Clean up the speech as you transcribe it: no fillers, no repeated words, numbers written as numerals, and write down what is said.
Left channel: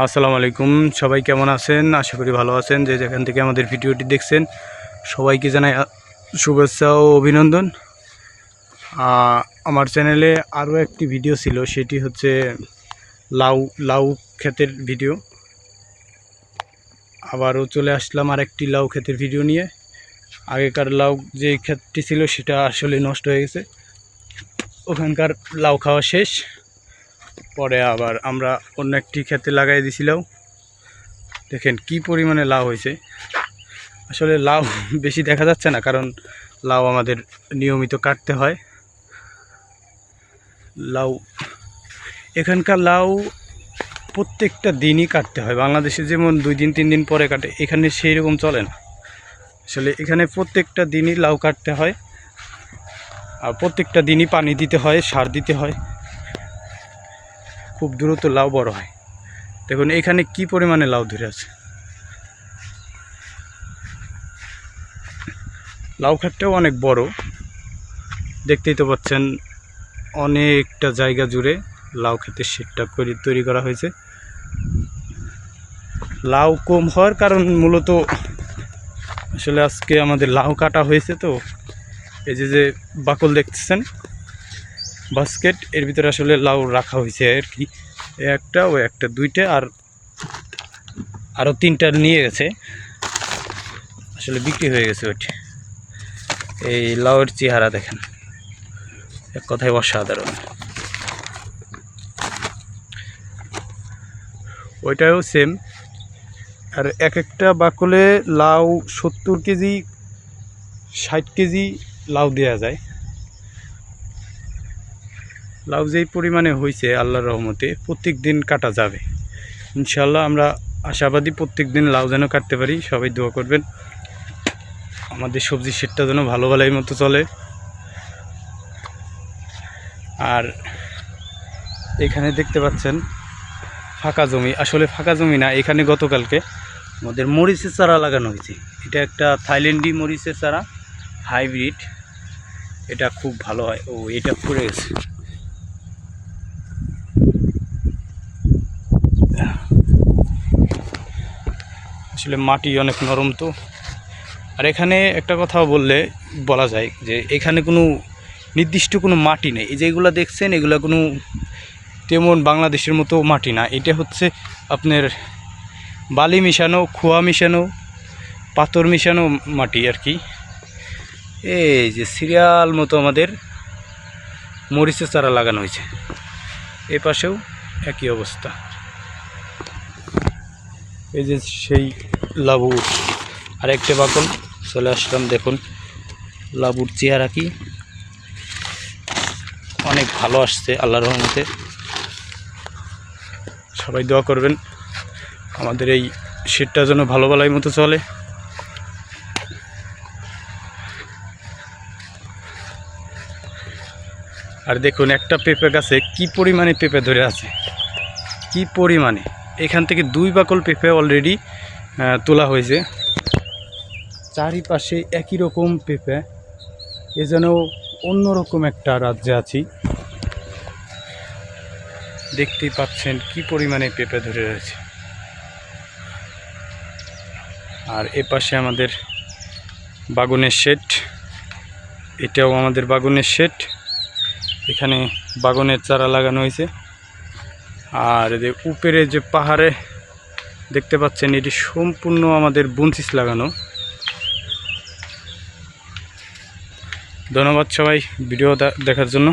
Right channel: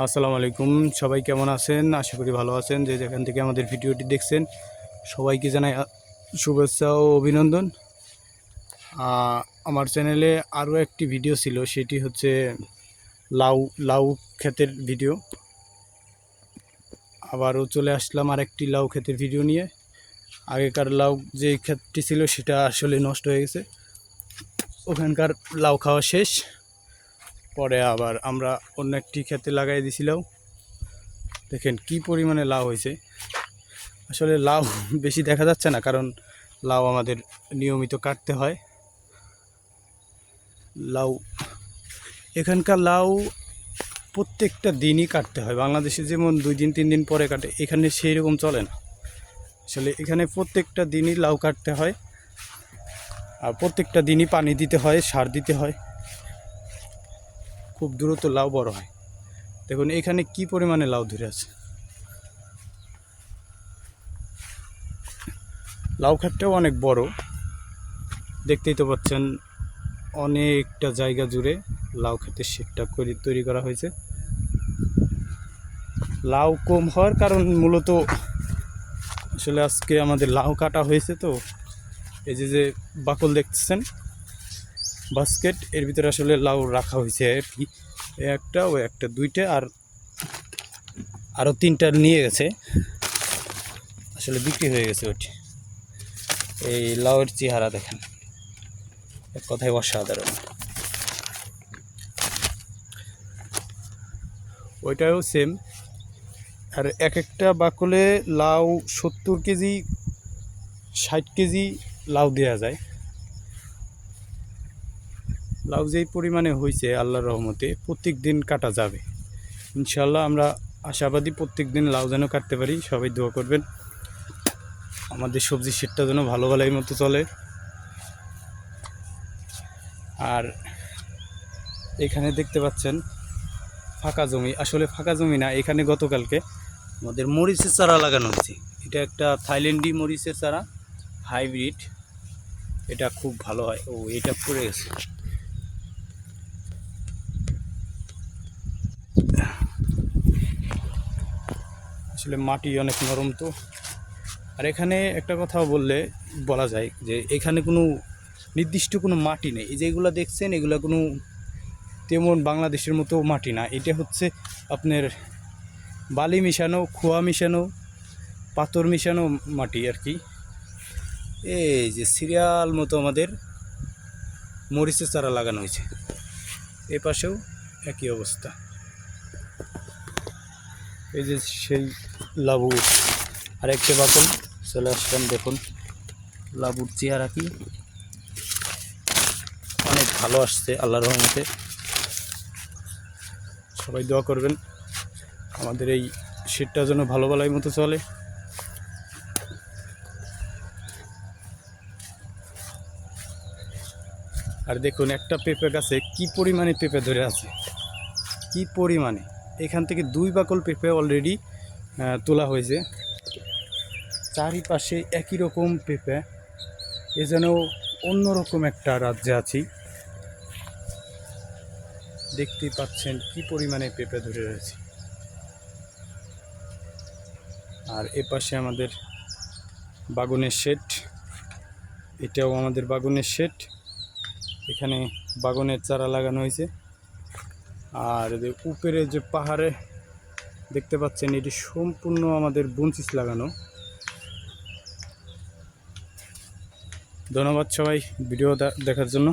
আসসালামু আলাইকুম। সবাই কেমন আছেন? আশা করি ভালো আছেন। যে যেখান থেকে আমাদের ভিডিওটি দেখছেন সবাইকে জানাই শুভেচ্ছা ও অভিনন্দন। আমার চ্যানেলে আরও একটি ভিডিও ছিল, সেটি হচ্ছে লাউ লাউ ক্ষেতের ভিডিও। আবারও চলে আসলাম আরেকটি লাউ ক্ষেতের ভিডিও নিয়ে। আগেকার লাউ যে ক্ষেতটি ছিল সেটা আসলে নষ্ট হয়ে গেছে, ওখানকার লাউ খাওয়া শেষ। পরে আবার আমরা অন্য একটি ক্ষেতে লাগাই দিয়েছিলাম। দেখেন কি পরিমাণে লাউ হয়েছে। আসলে লাউ বেশি দেখা যাচ্ছে না, কারণ লাউ আমাদের নিয়মিত কাটতে হয়। লাউ এখানকার লাউ প্রত্যেকটা দিনই কাটতে হয়। বাংলাদেশে যেমন 2 দিন 3 দিন পরে কাটে, এখানে সেই রকম চলে না। আসলে এখানে প্রত্যেকটা দিনই লাউ কাটতে হয়, আর প্রত্যেকটা দিনই পানি দিতে হয়, সার দিতে হয়। খুব দ্রুত লাউ বড় হয়। দেখুন এখানে কি পরিমাণে লাউ ধরে আছে। লাউ ক্ষেতটাও অনেক বড়, দেখতেই তো পাচ্ছেন। অনেকটা জায়গা জুড়ে লাউ ক্ষেতের শেডটা তৈরি করা হয়েছে। লাউ কম হওয়ার কারণ মূলত আসলে আজকে আমাদের লাউ কাটা হয়েছে, তো এই যে বাকল দেখতেছেন বাস্কেট, এর ভিতরে আসলে লাউ রাখা হয়েছে আর কি। একটা ও একটা দুইটা আর আরও 3টা নিয়ে গেছে, আসলে বিক্রি হয়ে গেছে ওইটি। এই লাউয়ের চেহারা দেখেন, এক কথায় অসাধারণ। ওইটাও সেম। আর এক একটা বাকলে লাউ 70 কেজি 60 কেজি লাউ দেওয়া যায়। লাউ যেই পরিমাণে হয়েছে আল্লাহর রহমতে প্রত্যেক দিন কাটা যাবে ইনশাল্লাহ। আমরা আশাবাদী প্রত্যেক দিন লাউ যেন কাটতে পারি। সবাই দোয়া করবেন আমাদের সবজি শেডটা যেন ভালো ভালোই মতো চলে। আর এখানে দেখতে পাচ্ছেন ফাঁকা জমি, আসলে ফাঁকা জমি না, এখানে গতকালকে আমাদের মরিচের চারা লাগানো হয়েছে। এটা একটা থাইল্যান্ডি মরিচের চারা, হাইব্রিড। এটা খুব ভালো হয়। ও এটা পড়ে গেছে। আসলে মাটি অনেক নরম তো। আর এখানে একটা কথা বলা যায় যে এখানে কোনো নির্দিষ্ট কোনো মাটি নেই। এই যেগুলো দেখছেন এগুলো কোনো তেমন বাংলাদেশের মতো মাটি না। এটা হচ্ছে আপনার বালি মিশানো, খোয়া মিশানো, পাথর মিশানো মাটি আর কি। এই যে সিরিয়াল মতো আমাদের মরিচের চারা লাগানো হয়েছে। এই পাশেও একই অবস্থা। এই যে সেই লাবু আরেকটা বাকল চলে আসলাম। দেখুন লাবুর চেহারা কি, অনেক ভালো আসছে আল্লাহর রহমতে। সবাই দোয়া করবেন আমাদের এই শেডটা যেন ভালো ভালোই মতো চলে। আর দেখুন একটা পেঁপে গাছে কি পরিমাণে পেঁপে ধরে আছে, কি পরিমাণে। এখান থেকে 2 বাকল পেঁপে অলরেডি তোলা হয়েছে। চারিপাশে একই রকম পেঁপে, এ যেন অন্যরকম একটা রাজ্যে আছি। দেখতেই পাচ্ছেন কি পরিমাণে পেঁপে ধরে রয়েছে। আর এ পাশে আমাদের বাগুনের শেড, এটাও আমাদের বাগুনের শেড। এখানে বাগুনের চারা লাগানো হয়েছে। আর যে উপরে যে পাহাড়ে দেখতে পাচ্ছেন এটি সম্পূর্ণ আমাদের বুনসিস লাগানো। ধন্যবাদ সবাই ভিডিও দেখার জন্য।